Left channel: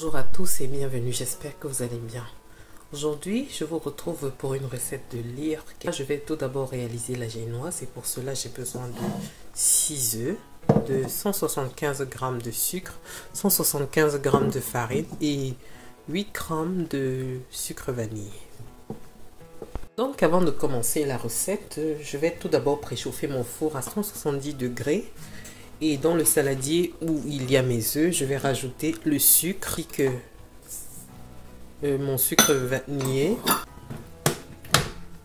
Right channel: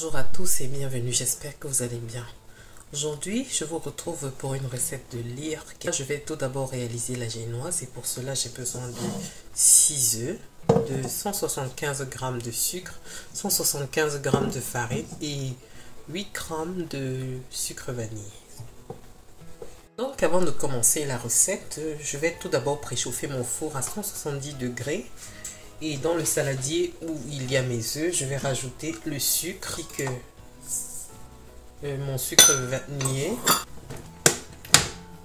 Bonjour à tous et bienvenue, j'espère que vous allez bien. Aujourd'hui, je vous retrouve pour une recette de lyre. Je vais tout d'abord réaliser la génoise et pour cela, j'ai besoin de 6 œufs, de 175 g de sucre, 175 g de farine et 8 g de sucre vanille. Donc avant de commencer la recette, je vais tout d'abord préchauffer mon four à 170 degrés. Et dans le saladier où il y a mes œufs, je vais rajouter le sucre, mon sucre vanillé.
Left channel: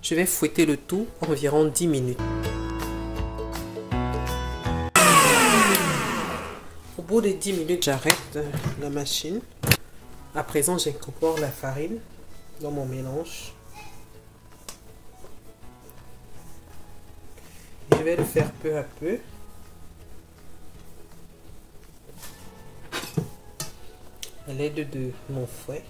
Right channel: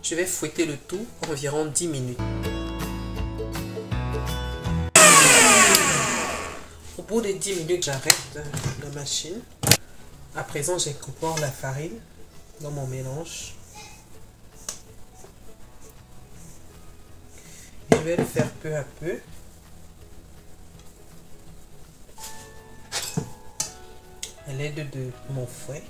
Je vais fouetter le tout environ 10 minutes. Au bout de 10 minutes, j'arrête la machine. À présent, j'incorpore la farine dans mon mélange. Je vais le faire peu à peu. À l'aide de mon fouet.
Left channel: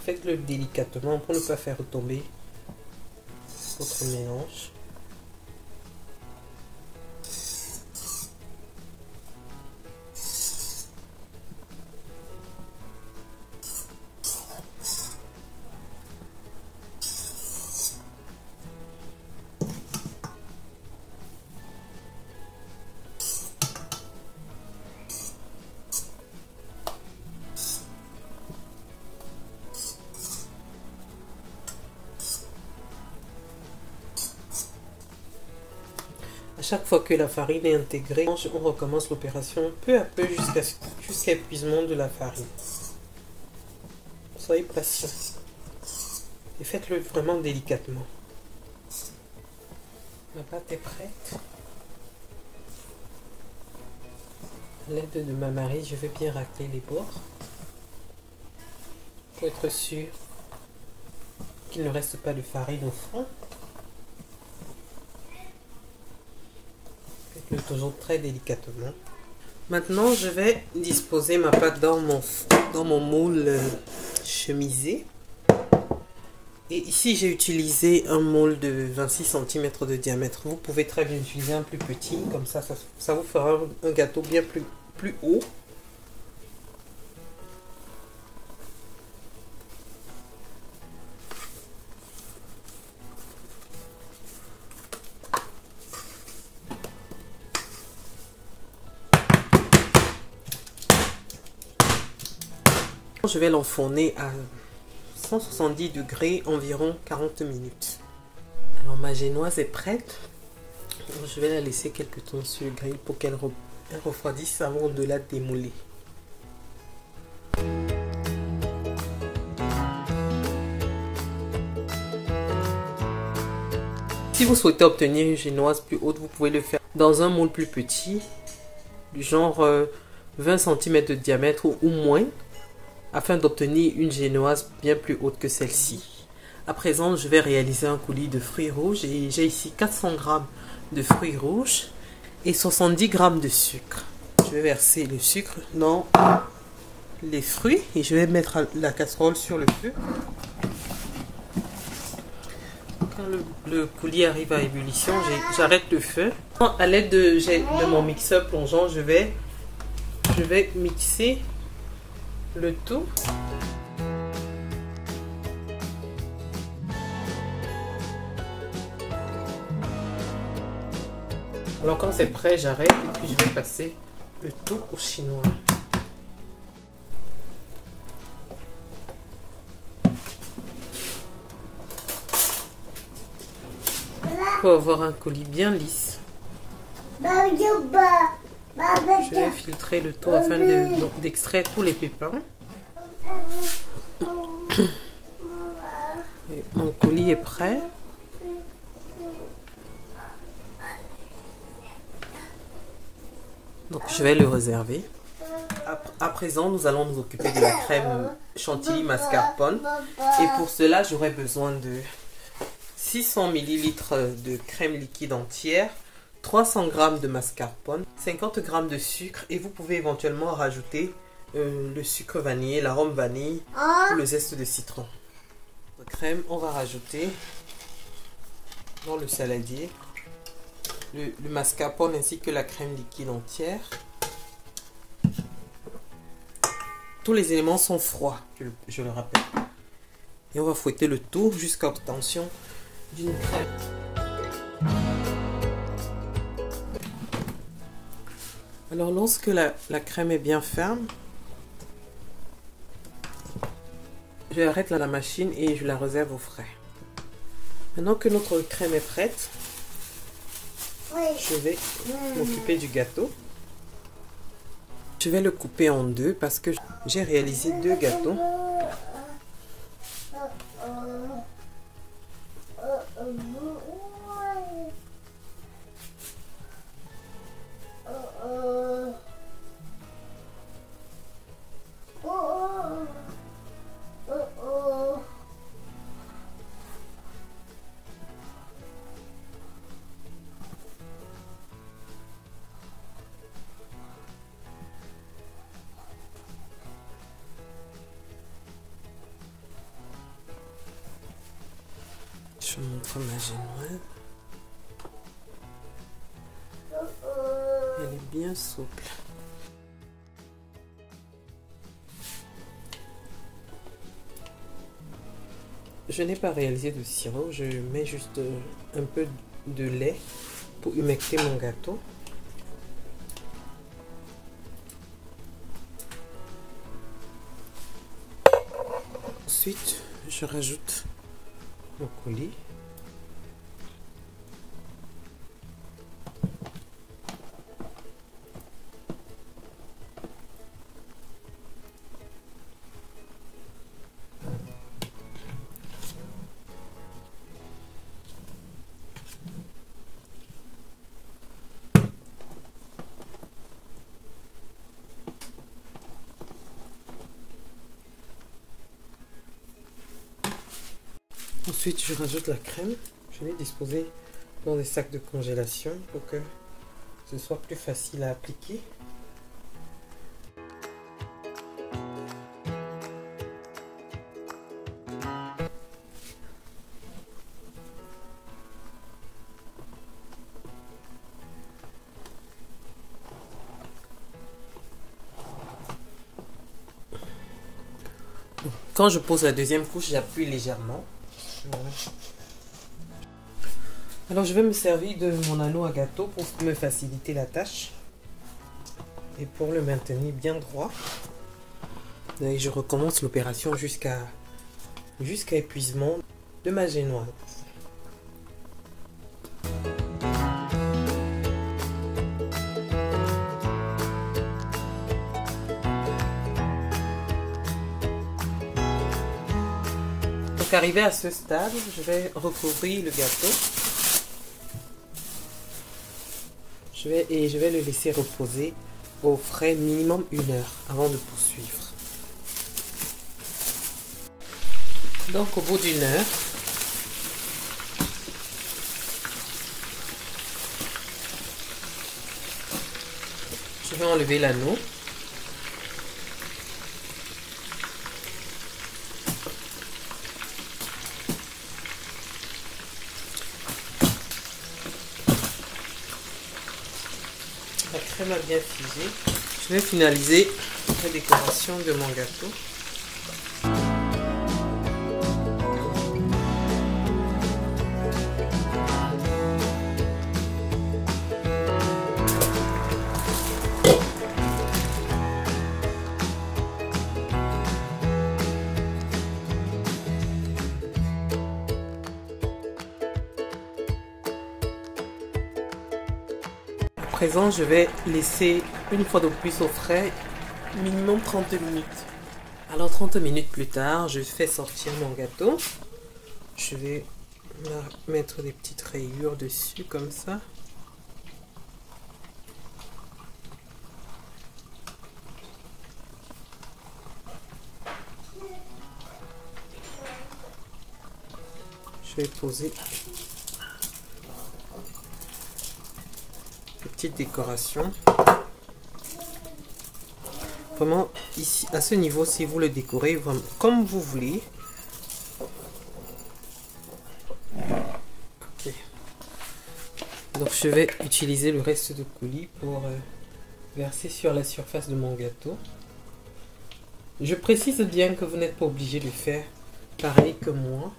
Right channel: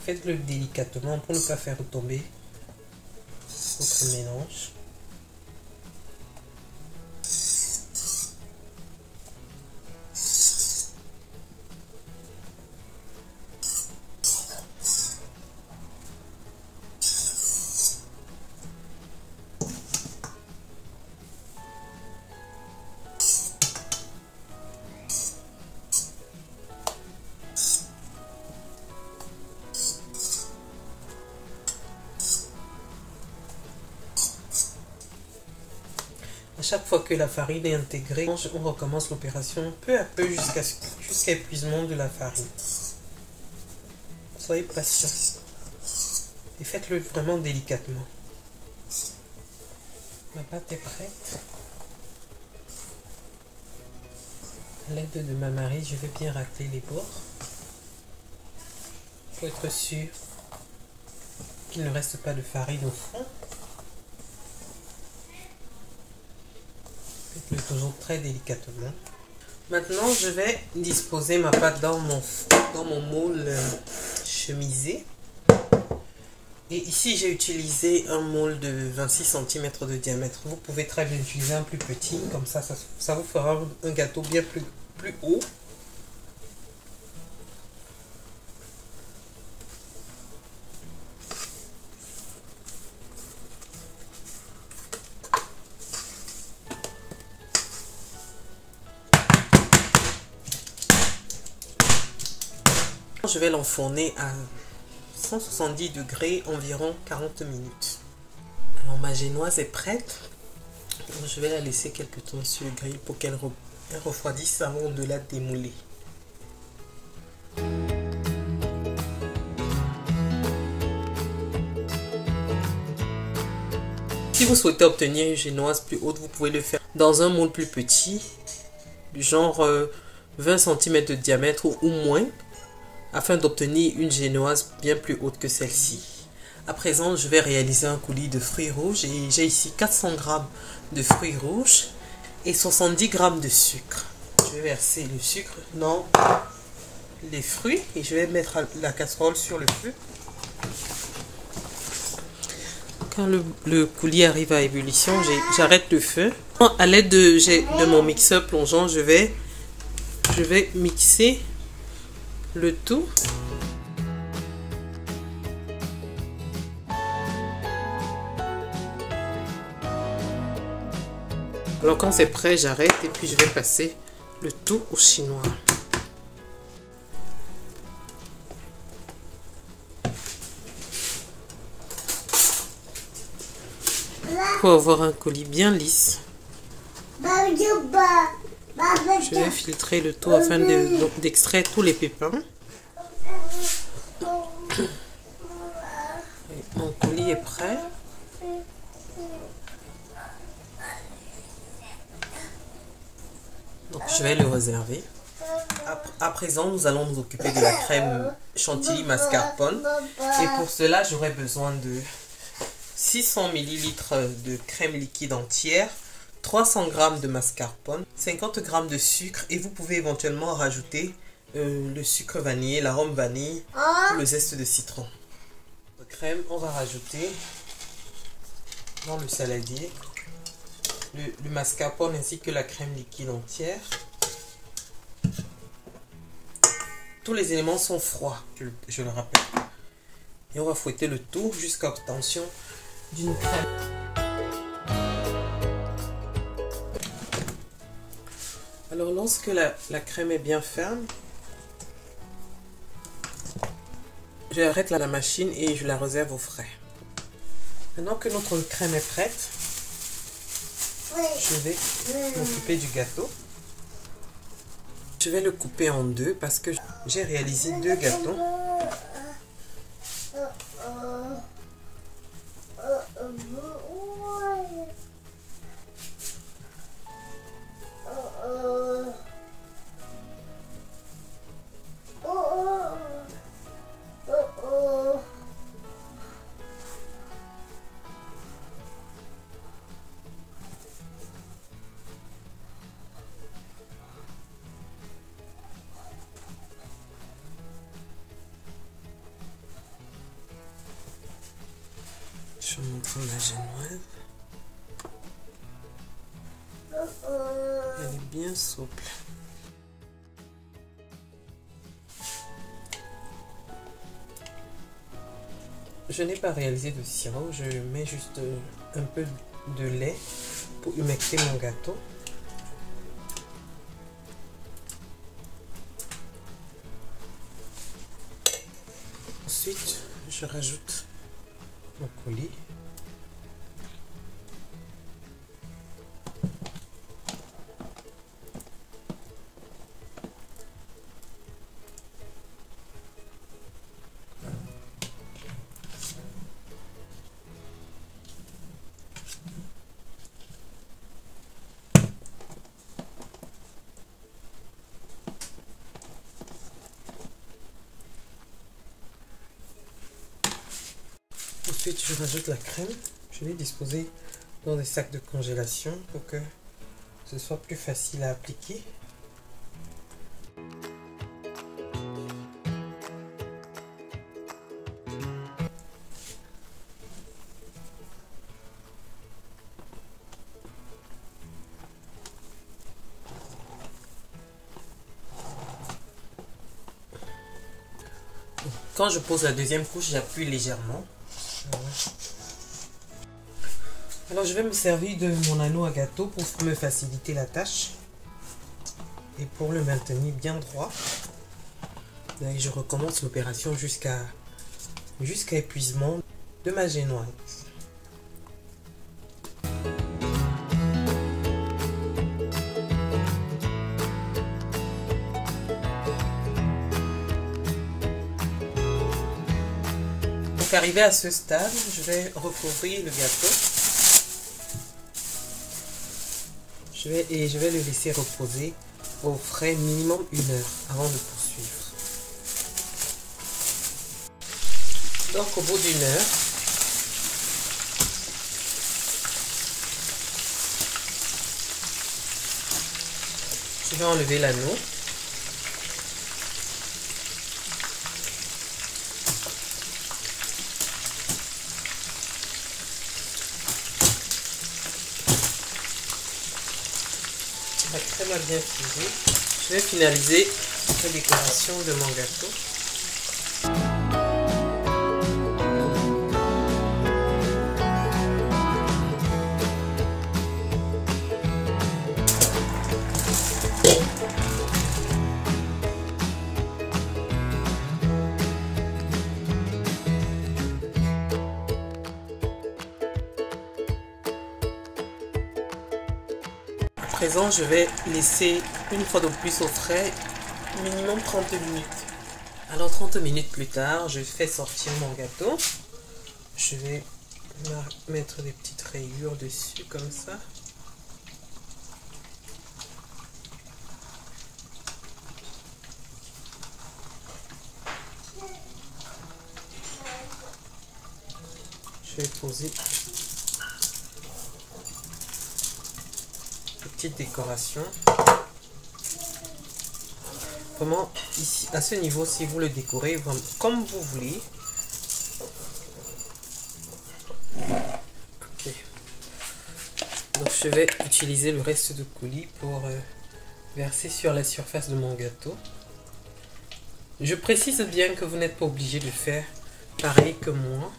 Faites-le délicatement pour ne pas faire retomber votre mélange. À chaque fois que la farine est intégrée, on recommence l'opération peu à peu jusqu'à épuisement de la farine. Soyez patient et faites-le vraiment délicatement. La pâte est prête. À l'aide de ma marie, je vais bien racler les bords pour être sûr qu'il ne reste pas de farine au fond. Faites-le toujours très délicatement. Maintenant, je vais disposer ma pâte dans mon moule chemisé. Et ici, j'ai utilisé un moule de 26 cm de diamètre. Vous pouvez très bien utiliser un plus petit. Comme ça vous fera un gâteau bien plus haut. Je vais l'enfourner à 170 degrés environ 40 minutes. Alors ma génoise est prête. Je vais la laisser quelques temps sur le grill pour qu'elle refroidisse avant de la démouler. Si vous souhaitez obtenir une génoise plus haute, vous pouvez le faire dans un moule plus petit, du genre 20 cm de diamètre ou moins, afin d'obtenir une génoise bien plus haute que celle-ci. À présent, je vais réaliser un coulis de fruits rouges et j'ai ici 400 g de fruits rouges et 70 g de sucre. Je vais verser le sucre dans les fruits et je vais mettre la casserole sur le feu. Quand le coulis arrive à ébullition, j'arrête le feu. À l'aide de mon mixeur plongeant, je vais mixer le tout. Alors quand c'est prêt, j'arrête et puis je vais passer le tout au chinois. Pour avoir un coulis bien lisse, je vais filtrer le tout afin d'extraire tous les pépins. Mon coulis est prêt. Donc je vais le réserver. À présent, nous allons nous occuper de la crème chantilly mascarpone. Et pour cela, j'aurai besoin de 600 ml de crème liquide entière, 300 g de mascarpone, 50 g de sucre et vous pouvez éventuellement rajouter le sucre vanillé, l'arôme vanille ou le zeste de citron. La crème, on va rajouter dans le saladier le mascarpone ainsi que la crème liquide entière. Tous les éléments sont froids, je le rappelle. Et on va fouetter le tout jusqu'à l'obtention d'une crème. Alors lorsque la crème est bien ferme, je arrête la machine et je la réserve au frais. Maintenant que notre crème est prête, je vais m'occuper du gâteau. Je vais le couper en deux parce que j'ai réalisé deux gâteaux. Je vous montre ma génoise. Elle est bien souple. Je n'ai pas réalisé de sirop, je mets juste un peu de lait pour humecter mon gâteau. Ensuite, je rajoute mon coulis. Ensuite, je rajoute la crème. Je l'ai disposée dans des sacs de congélation pour que ce soit plus facile à appliquer. Quand je pose la deuxième couche, j'appuie légèrement. Alors je vais me servir de mon anneau à gâteau pour me faciliter la tâche et pour le maintenir bien droit. Et je recommence l'opération jusqu'à épuisement de ma génoise. Donc arrivé à ce stade, je vais recouvrir le gâteau. Je vais le laisser reposer au frais minimum 1 heure avant de poursuivre. Donc au bout d'1 heure, je vais enlever l'anneau. La crème a bien fusé. Je vais finaliser la décoration de mon gâteau. À présent, je vais laisser une fois de plus au frais, minimum 30 minutes. Alors 30 minutes plus tard, je fais sortir mon gâteau. Je vais mettre des petites rayures dessus comme ça. Je vais poser petite décoration. Vraiment ici à ce niveau, si vous le décorez comme vous voulez. Ok. Donc je vais utiliser le reste de coulis pour verser sur la surface de mon gâteau. Je précise bien que vous n'êtes pas obligé de faire pareil que moi.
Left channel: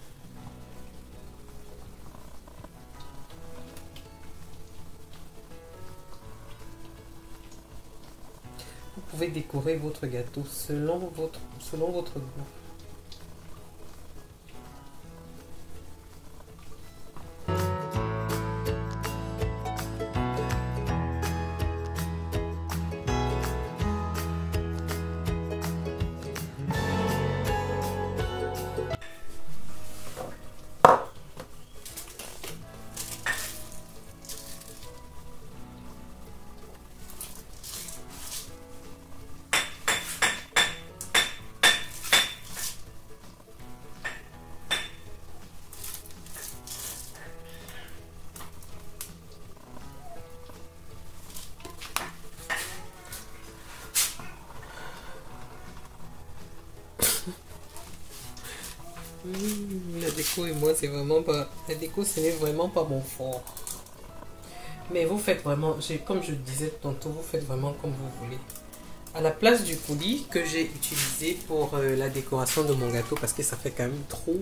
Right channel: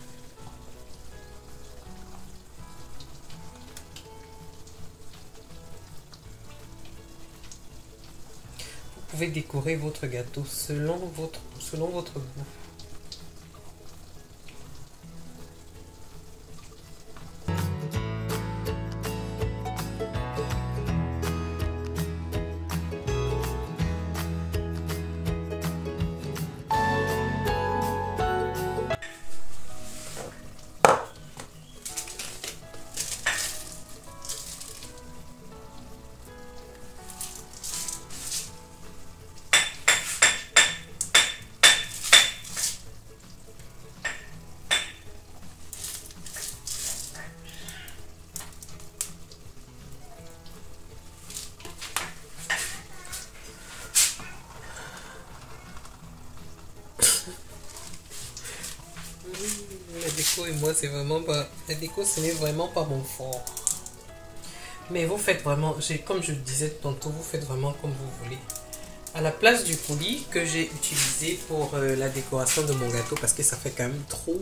Vous pouvez décorer votre gâteau selon votre goût. La déco et moi, c'est vraiment pas... La déco, ce n'est vraiment pas mon fort. Mais vous faites vraiment... Comme je le disais tantôt, vous faites vraiment comme vous voulez. À la place du coulis que j'ai utilisé pour la décoration de mon gâteau, parce que ça fait quand même trop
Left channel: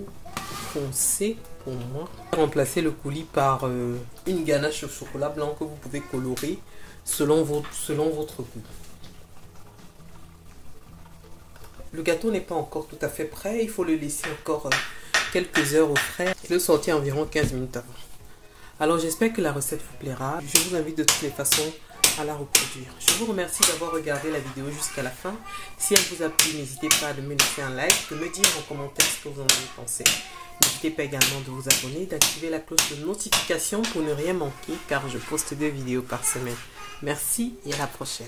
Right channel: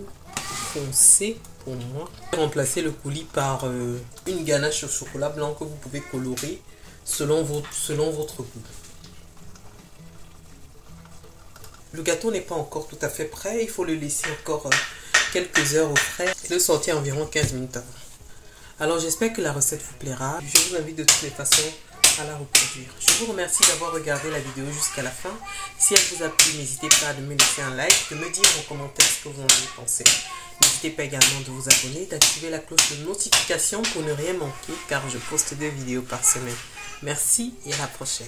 foncé pour moi. Remplacer le coulis par une ganache au chocolat blanc que vous pouvez colorer selon votre goût. Le gâteau n'est pas encore tout à fait prêt, il faut le laisser encore quelques heures au frais et le sortir environ 15 minutes avant. Alors j'espère que la recette vous plaira. Je vous invite de toutes les façons à la reproduire. Je vous remercie d'avoir regardé la vidéo jusqu'à la fin. Si elle vous a plu, n'hésitez pas à me laisser un like, de me dire en commentaire ce que vous en avez pensé. N'hésitez pas également de vous abonner, d'activer la cloche de notification pour ne rien manquer car je poste des vidéos par semaine. Merci et à la prochaine.